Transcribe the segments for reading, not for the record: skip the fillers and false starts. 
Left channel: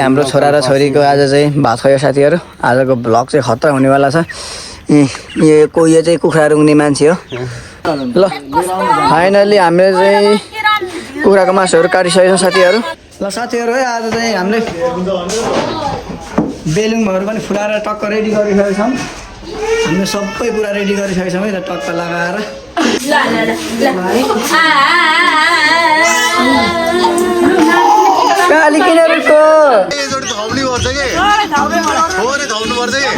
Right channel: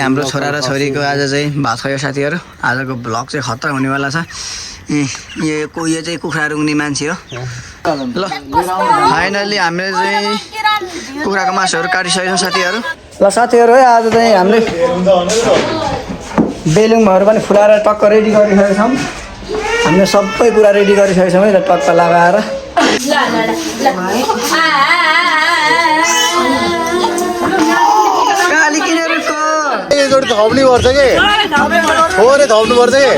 हाम्रो छोरा र छोरीको आज चाहिँ भात खुवायो साथीहरू। आजको भ्लग चाहिँ खतरा हुनेवाला छ। यो चाहिँ कुखुरा रुङ्ने मान्छे हो। ल फाइनल्ली हामीले चाहिँ कुखुराको मासुहरू काटिसकेको छौँ साथीहरू। ल साथीहरू है आज चाहिँ हामीले बेलुङहरू पनि फुलाएर टक्क रेडी गरिसकेको छौँ। हामीले सबै कुरा रेडी गरिसकेको छौँ है त टक्क लगाएर। काली किनेरको एकचोटि थप्नु पर्छ कि थोरै थप्नु पर्छ कि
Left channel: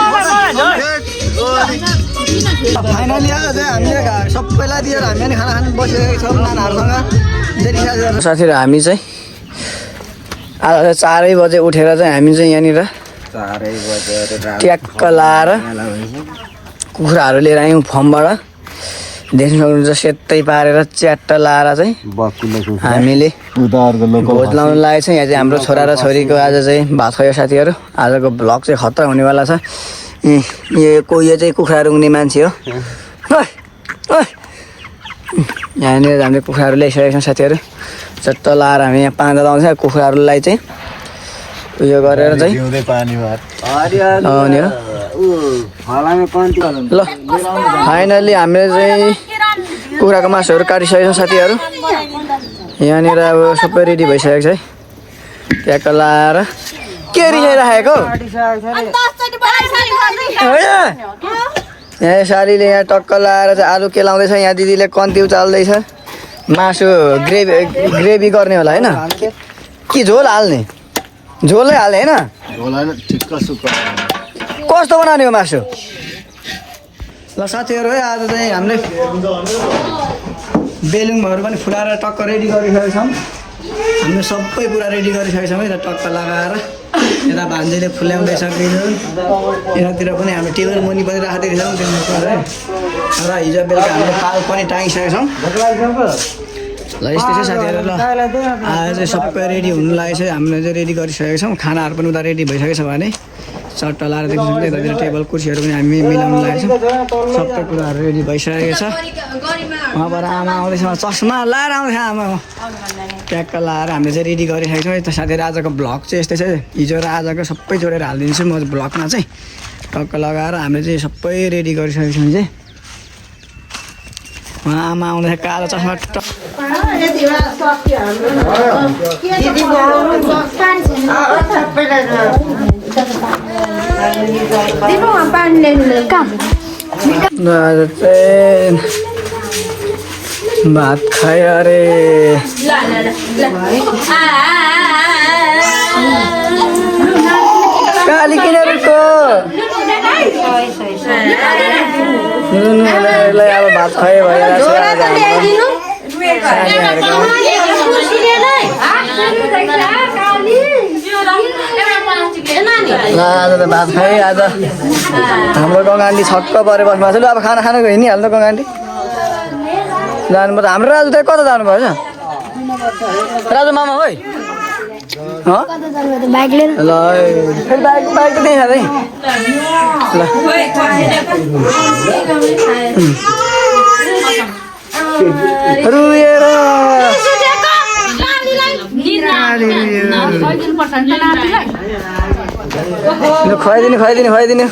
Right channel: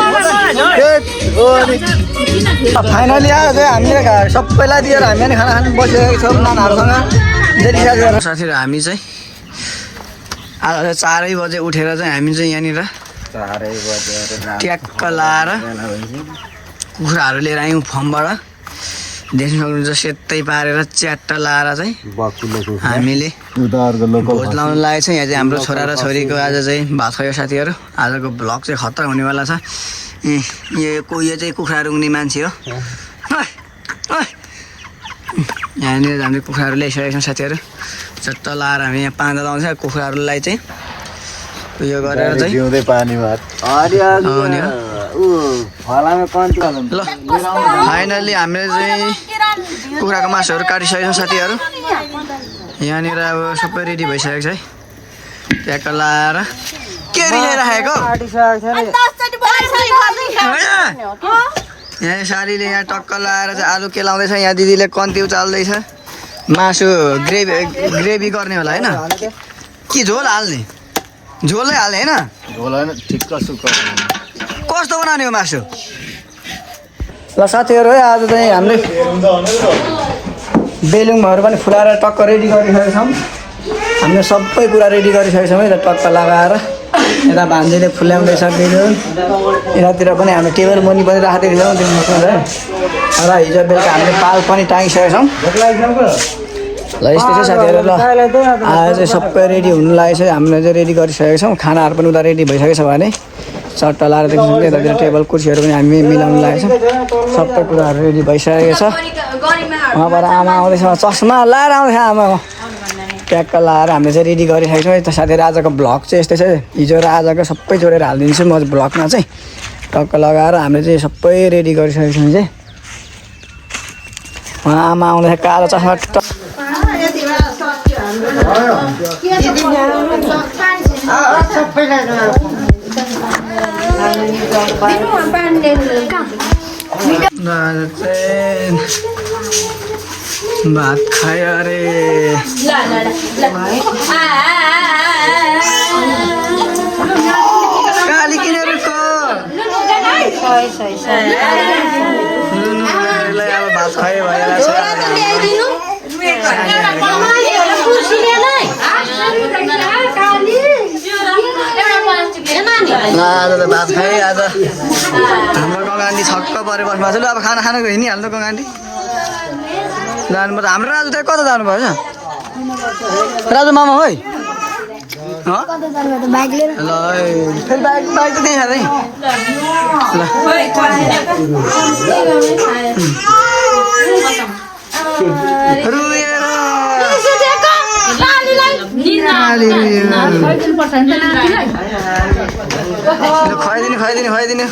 फाइनली आज चाहिँ हामीले सबैलाई दिएर हामी पनि खाना खानु बसिरहेको छौँ नानाहरूसँग। साथीहरू हामी चाहिँ आज 4 बजे उठेर चाहिँ हामी चाहिँ यहाँनिर ट्याक्क लाएर कुखुराहरू लिएर आयौँ फर्मबाट। देख्नु सक्नुहुन्छ सेतै पारेर च्याट्ट लाएर चाहिँ हामीले भोज लाउनु लागेको छ। यहाँ चाहिँ हाम्रो छोरा र छोरीको आज चाहिँ भात खुवायो साथीहरू। आजको भ्लग चाहिँ खतरा हुनेवाला छ। यो चाहिँ कुखुरा रुङ्ने मान्छे हो। यहाँनिर हामीले कुखुराहरू ल्याइसकेका छौँ साथीहरू। चट्ट लाएर हामी यहाँ पाँदा लाउँछ कुखुराहरूलाई चाहिँ उयो गरेर चाहिँ ल फाइनल्ली हामीले चाहिँ कुखुराको मासुहरू काटिसकेको छौँ साथीहरू। यहाँनिर अब सबै रेडी भइसकेको छ है। ट्याक्क लाएर के रिसाइराखेको यहाँ सालीले यहाँ टक्क लाएर चाहिँ आलु के लाउँदैछ। यहाँ दिदीले कन्ती उचाल्दैछ। मासु ग्रेभी गर्ने होला होइन कि झोल हाल्ने? झोलै हाल्ने होइन? कस्तो बनाउने हो मासु? ल साथीहरू है आज चाहिँ हामीले बेलुङहरू पनि फुलाएर टक्क रेडी गरिसकेको छौँ। हामीले सबै कुरा रेडी गरिसकेको छौँ है त टक्क लगाएर। यता भान्जीले फुल्याउँदैछ बेलुङ। यतातिर पनि हामीले टेबल मुनि पनि राखिदिएको छौँ है। र हिजो बेलुका हामीले पाल पनि टाँगिसकेका छौँ। ल यस्तै छ साथीहरू। ल आज चाहिँ सबै रेडी हुनु लागेको छ। हामीले चाहिँ रेडी गरिसकेको छौँ। खानाहरू पनि उता रेडी भइसकेको छ भने चट्ट लाएर देख्नु सक्छ। यतातिर टेबल कुर्सीहरू पनि हामी मिलाउनु लागेको छौँ। सबै कुराहरू रेडी भइसकेको छ। उहाँबाट आमा आउँदैछ चस्मा लाएर आउँदैछ आमा। ट्याक्क लाएर हामीले चाहिँ रेडी गरिसकेको छौँ है त साथीहरू। आजको भ्लग चाहिँ यस्तै छ। हिजो र आजको सबै जोडेर हालिदिन्छु म भ्लगमा चाहिँ। टक्क लगाएर हामीले चाहिँ सबै रेडी गरिसकेको छौँ चाहिँ। उहाँ आमा आउँदैछ कालो चस्मा भात खायो अरे। काली किनेरको अब भात खुवायो भइरहेको छ आज हाम्रो सानीहरूको। आज त भात खाएँ। आज हाम्रो गङ्गान्डी छक्क परेर बस्नु भएको छ। ल अब खाना खानु हिँडिहाल्नु गङ्गान्डी जानु। त हाम्रो राजु त कता जानुभएछ? राजु मामा है ल फेरि बाइक त त्यहीँ खाँदै ल रुएर खुवाइदिनु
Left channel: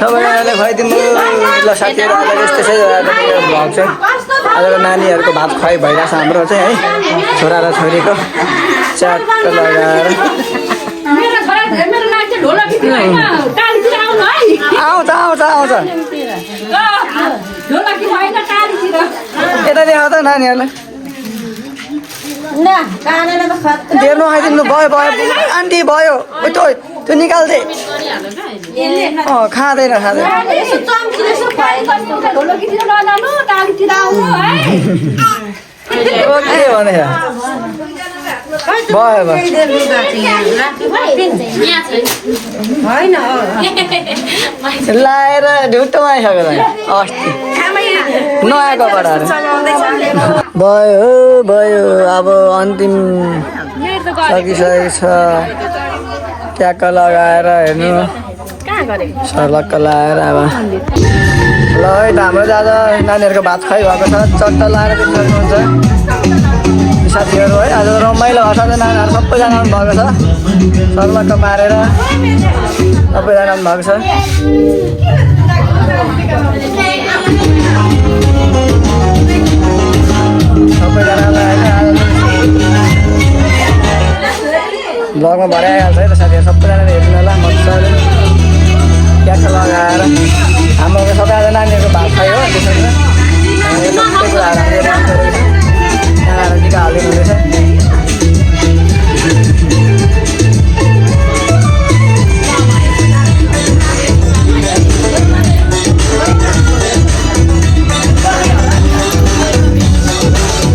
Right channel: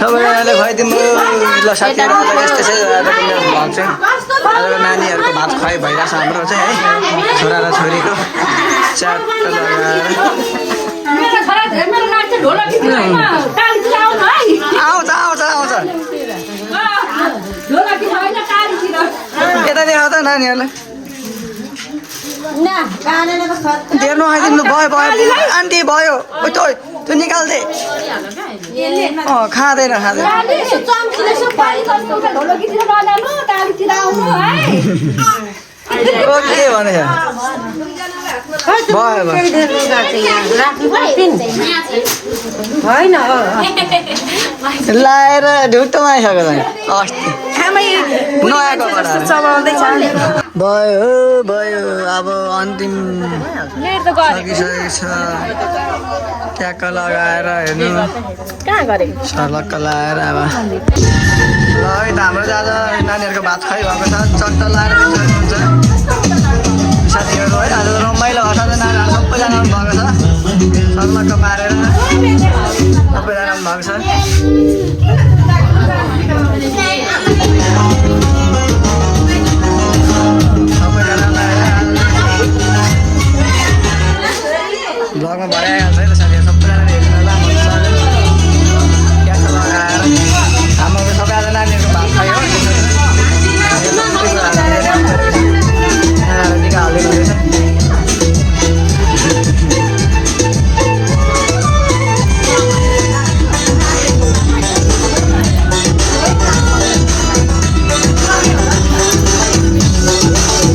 सबैजनाले खुवाइदिनु। ल साथीहरू आज यस्तै छ। आजको मेरो भ्लग चाहिँ आजको नानीहरूको भात खुवाइ भइरहेको छ हाम्रो चाहिँ है। छोरा र छोरीको च्याट्ट लगाएर आउँछ यता देखाउ त नानीहरूलाई। हेर्नु खाइदिनु भयो आन्टी भयो त्यो निकाल्दै खाँदैन के भने भयो लाएर ढुट्टोमा आइसक्यो अस्ति नयाँ कपडाहरू भयो। अब अन्तिम सकिसकेको छ। ट्याक्क लगाएर हेर्नु सर्लक्क लगाएर अब ल है त हाम्रो आज नानीहरूको भात खुवाइ भएको छ। चट्ट लगाएर देख्नु सक्नुहुन्छ। साथीहरू है आज रमाइलो हर्ष नानीहरू सबैजना आउनु भएको छ सर्लक्क पारेर सबैजना आउनु भएको छ सबैजनालाई होइन ब्लगमा भरै आइहाल्छ है त साथीहरू सबैजनाले हेर्नु होला मजाले ट्याक्क लगाएर हाम्रो सबै आज नानीहरूको भात खायो हो त्यसरी हामीले सबै कुराहरू हामीले रेडी गरेको छौँ यहाँ टिका हालिदिनु हुँदैछ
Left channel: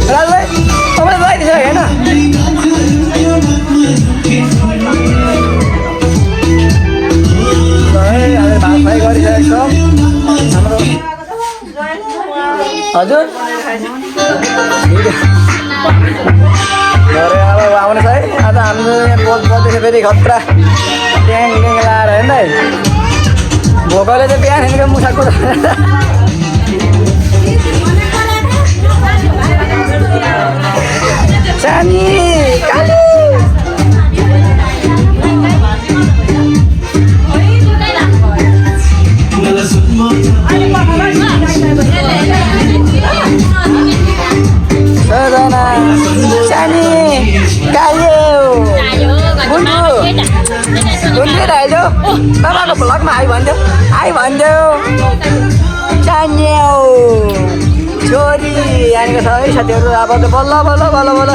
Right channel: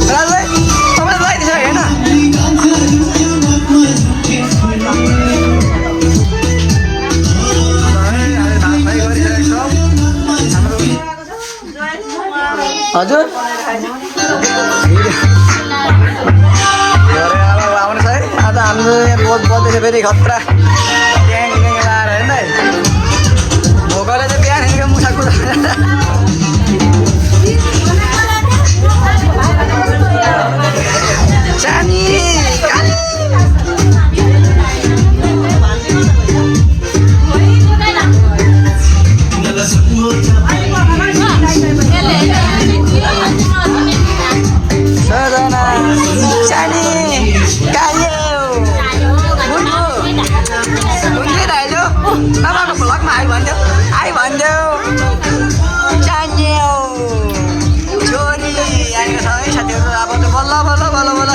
राजभाइ तपाईँले लगाइदिन्छ होइन हामीले भात फ्राई गरिसकेको छौँ हाम्रो हजुर घरे अब आउनुहोस् है आज हाम्रो यहाँ बोल्दैछ फेरि खतरा ट्याङ ट्याङ लाएर होइन है भोकले चाहिँ बिहान मुसा कुदा सानी काली सजना सानी कायो गुन्डु गुन्डु आइजो बाबाको भ्लगमा आइ भनिदेऊ सान्यौ छोरी यहाँनिर छ है साथीहरू अब त बल्ल बल्ल बल्ल बल्ल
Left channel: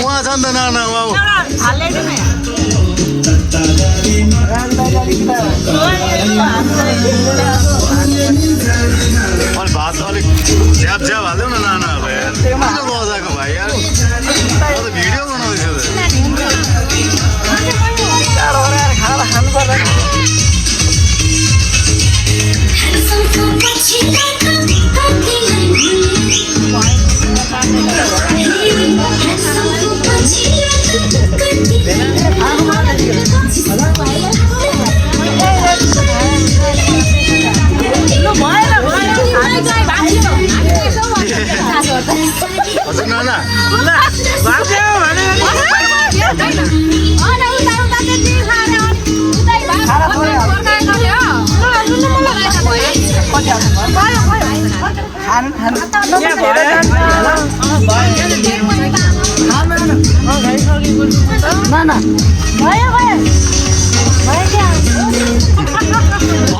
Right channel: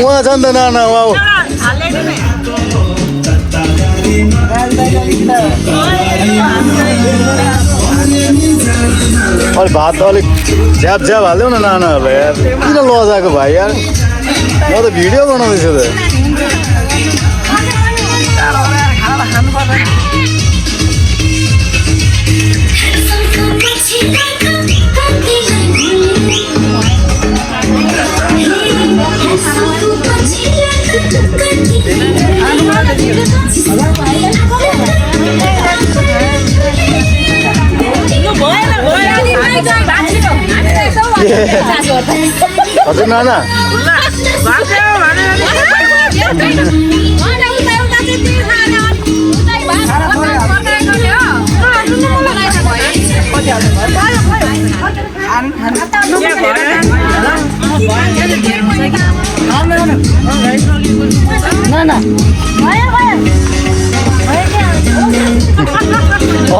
उहाँ छ नि त नाना वाउ अलिक भात अलिक झ्याप झ्याप हाल्देऊ न नानाहरूलाई यार किन लजाएको भाइ यार म त भिडियो बनाउँदैछु त हजुर नाना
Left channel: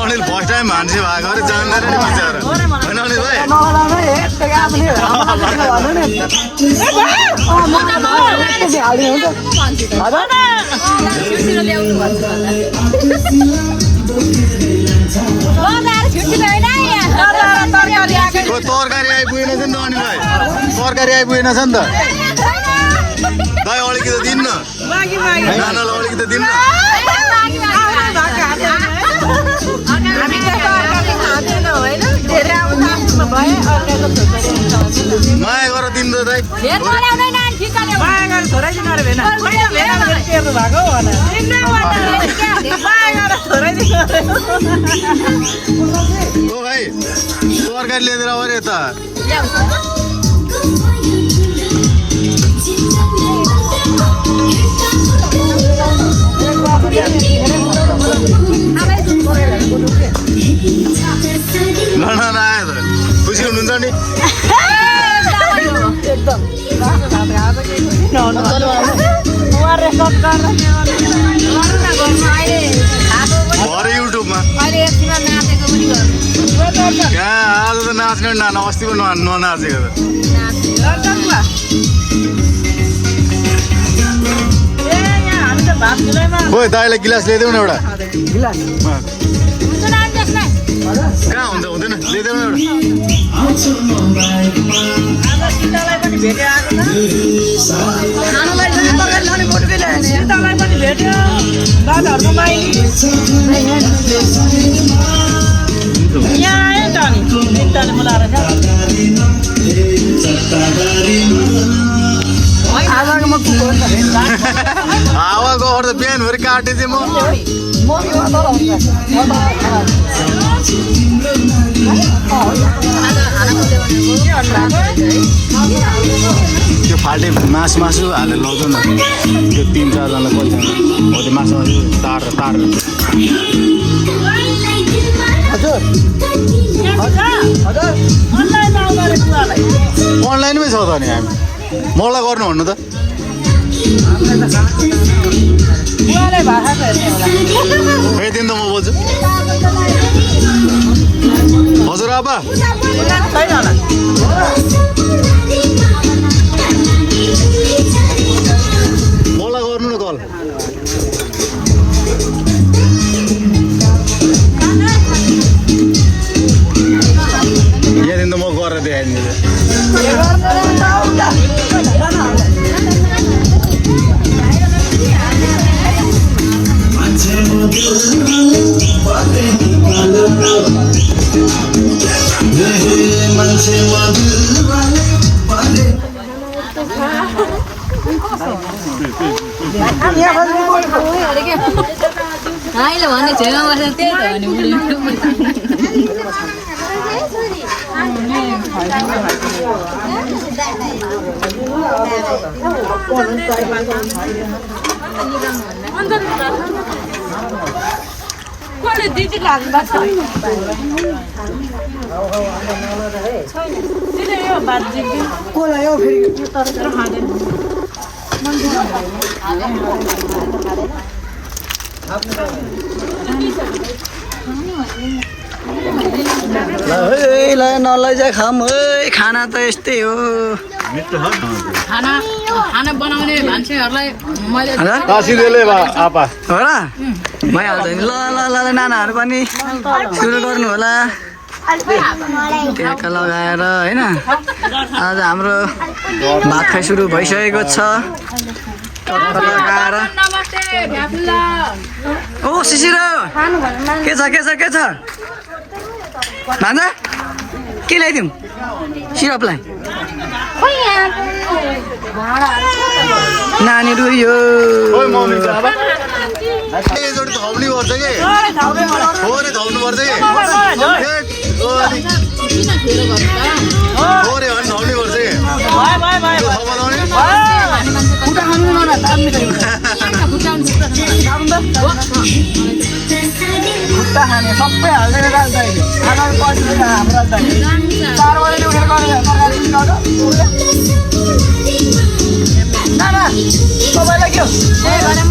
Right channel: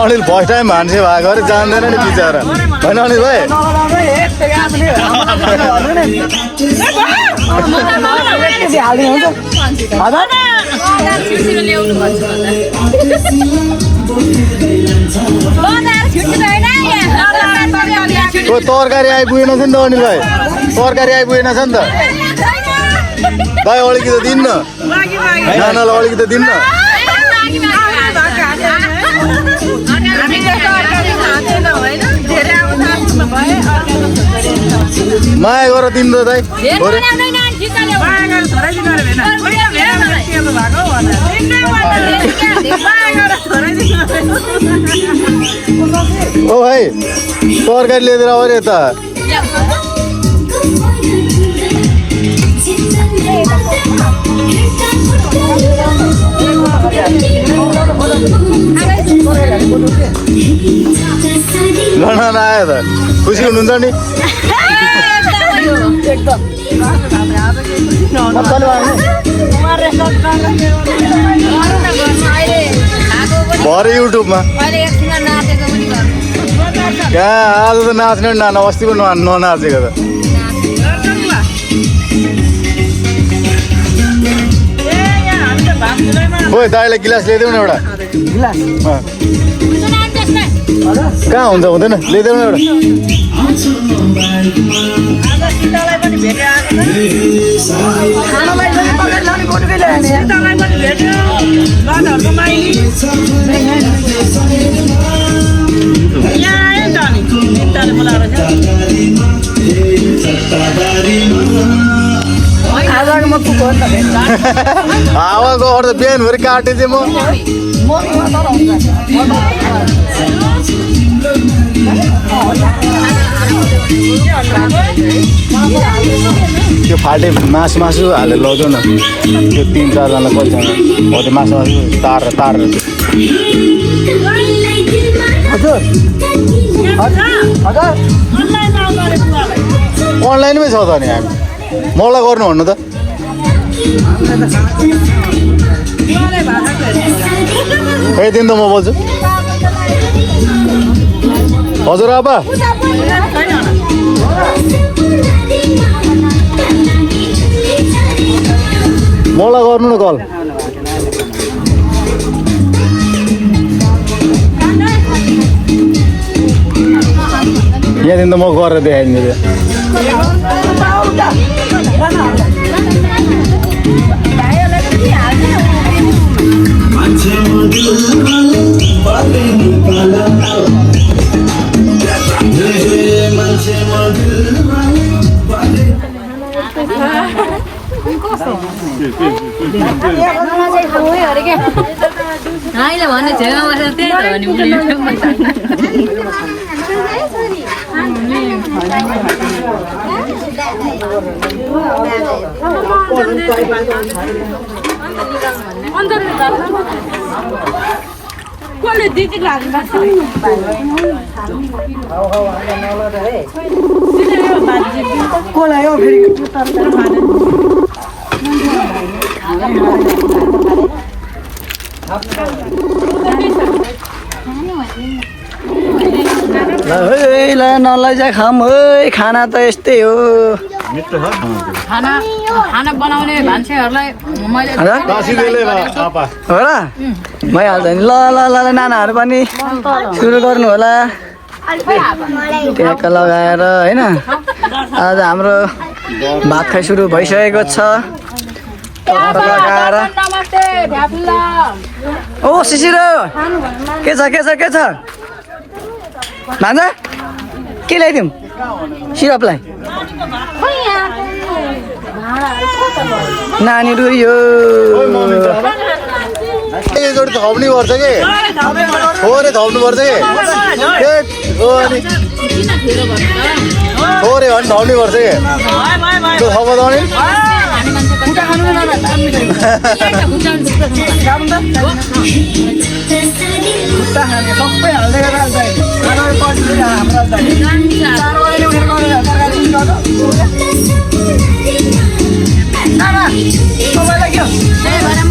अनिल फर्स्ट टाइम मान्छे भएको अरे जान्दैन नि बिचरा होइन अनिल भाइ तरकारी आइपुगेन छ नि त अनिल भाइ तरकारी आइपुगेन छ नि त भाइ अलिकति दिन्न नानालाई अलिकति दिन्न माया गर दिनु त दाइ ओ भाइ तरकारी लिएर आऊ अरे यता लडन आयो त खुसी हुनुहुन्छ नि भरे युट्युबमा कहाँ आज त नाच्ने पनि नाना अस्ति पनि ननाचेको त खोइ दाइलाई गिलास ल्याइदेऊ न एउटा कहाँ हुन्छ हुँदैन ल्याइदेऊ न एउटा हावाको अर्थ बिहानभरि काटे चाहिँ म त्यो फाल्टे मासु हालेर लगाउँछ न त्यो 3-4 जनालाई पैसा हो त्यो मासु तार अनलाइनमै छ त नि हामी मलाई गर्नु भन्नु त दिन त म बोल्छु हजुर आपा मलाई गर्नु न कल यहाँदेखि त म गरेर देखाइदिन्छु नलैजा खाम खाना त यस्तै हो खाना बनाउने मान्छेहरूलाई मैले हो र भइहाल्छ नि ल ल ल नानाहरू पनि सुरु गर्नु होला ट्याक्क लगाएर होइन आज हाम्रो भात खाइ सुरु भइसकेको छ टक्क लगाएर ओ शिशिर के छ भान्जा के ल्याइदिउँ सिरपलाई नानी रुयो एकचोटि थप्नु पर्छ कि थोरै थप्नु पर्छ कि थोरै भने थप्नु पर्छ कि त्यो थपाउने सबै हाल्दै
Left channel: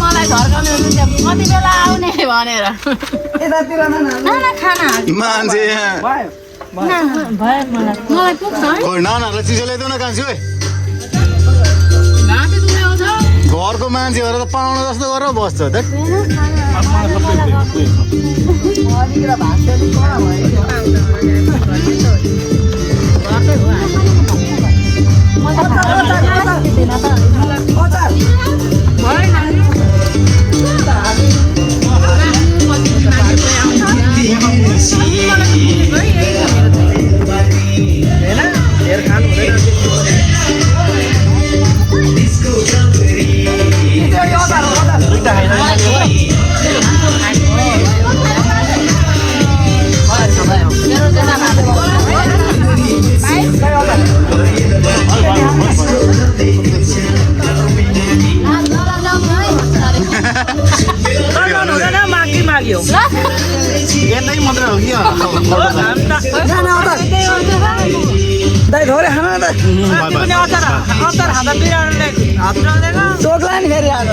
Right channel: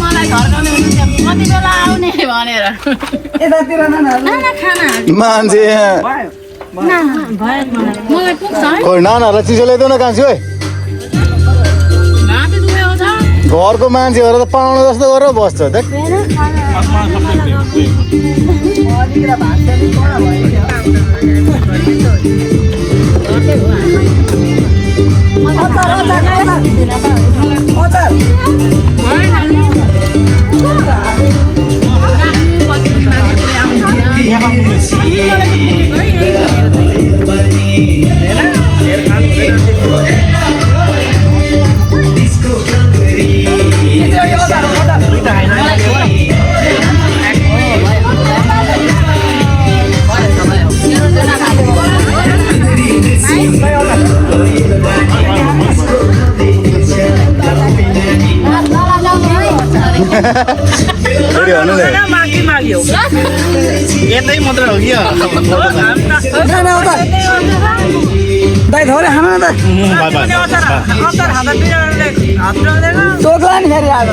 मलाई घर आउने भनेर यतातिर नाना मान्छे मलाई पुग्छ है खोइ नानाहरूलाई चिसो ल्याइदेऊ न कान्छी ओइ घाँटी दुखेको छ घरको मान्छेहरू त पाहुना जस्तो गरेर बस्छ त फेरि भन्नु नि यतै मात्र हो कि दाइ थोरै खानु न टोक्ला नि फेरि आज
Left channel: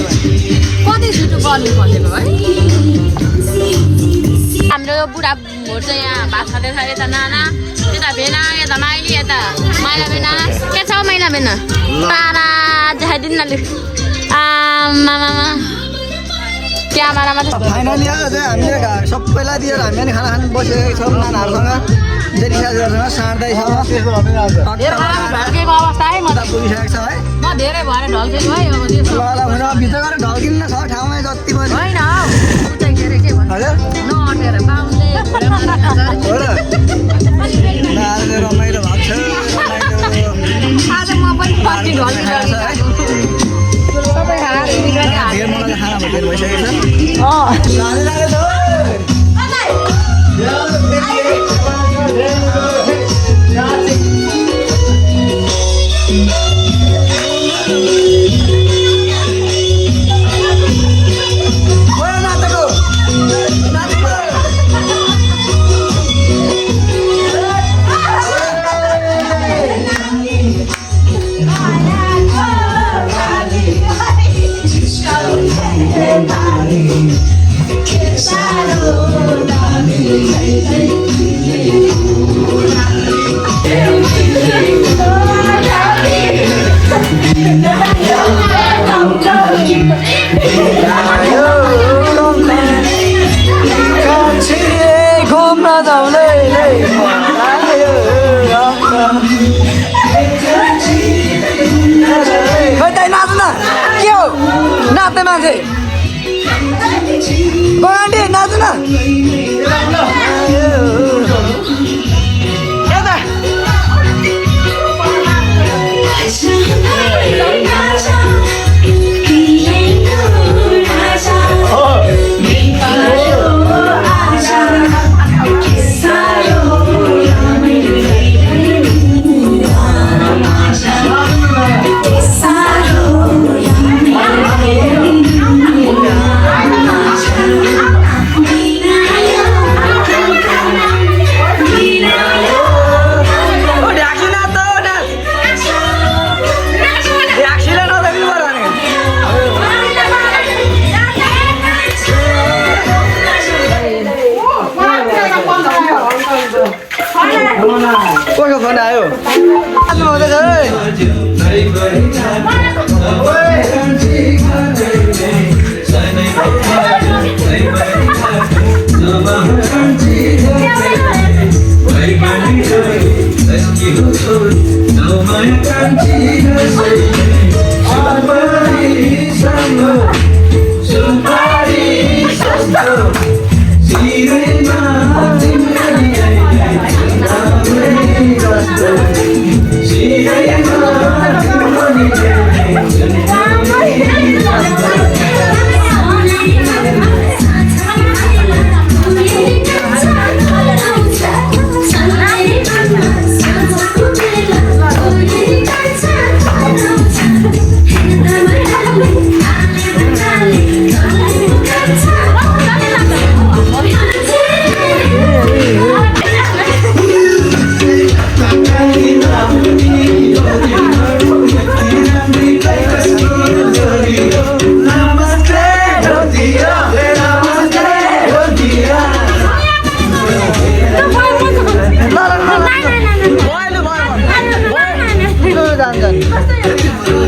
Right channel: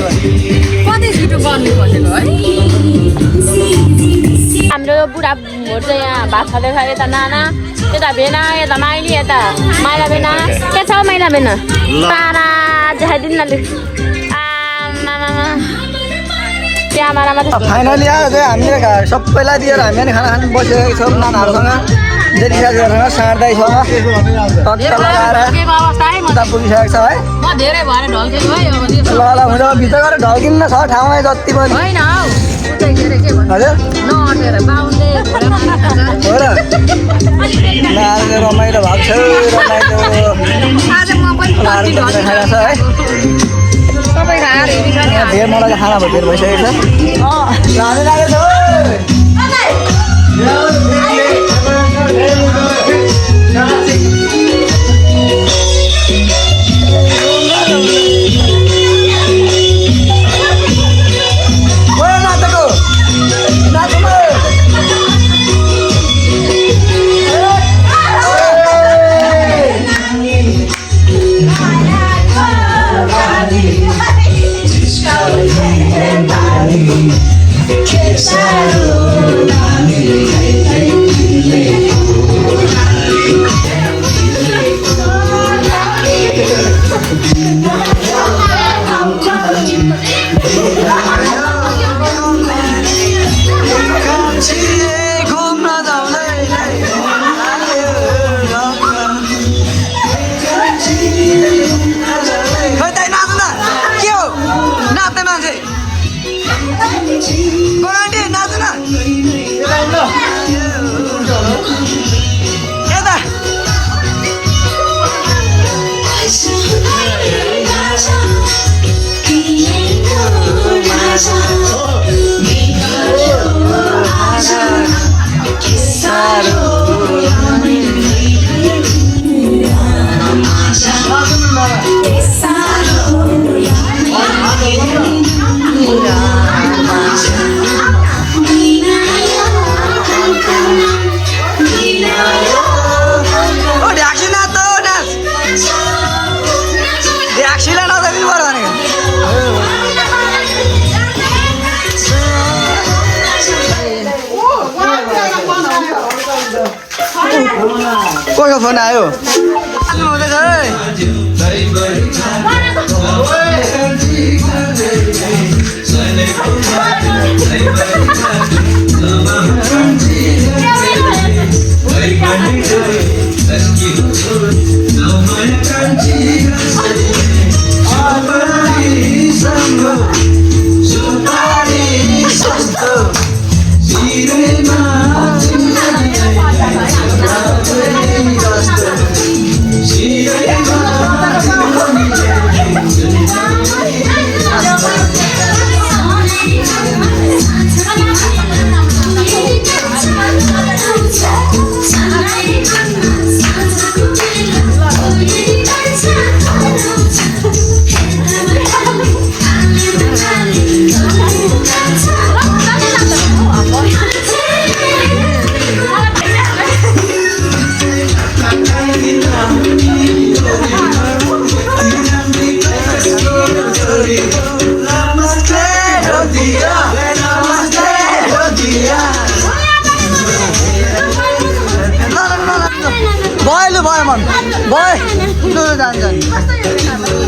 कति छिटो गर्नु खोजेको है हाम्रो यो बुढा भोट चाहिँ यहाँ भात खाँदैछ यता नाना यता भेना यता माइली यता माइला भेना के छ माइला भेना तारा देखाइदिनु न लु आमामा क्यामेरामा त फाइनली आयो चाहिँ हामीले सबैलाई दिएर हामी पनि खाना खानु बसिरहेको छौँ नानाहरूसँग जेठी साथीहरूसँग साँड्दैसँग टक्क लगाएर उता पुगिसकेको छ है म धेरै भएर ढल्केको है अब यो ल ल हुन्छ भित्र गएर ढल्किन्न छ ठाउँमा जति पनि होइन हौ ऊ चाहिँ के अरे के भन्छ हजुर नअटेर बाहुनले भुँडा मार्नु खान्छ हो र नानीले रमाइलो भएको छ रमाइलो आज म पनि लाहरू खाना छ है सबै खाएर हिँडेको यहाँ धेर मलाई खाना भयो धेर भइसकेको छ लानु लागेको मान्छे आन्टी नाच्नु न यता कसको फोन आयो हुँदैछ जान्छन्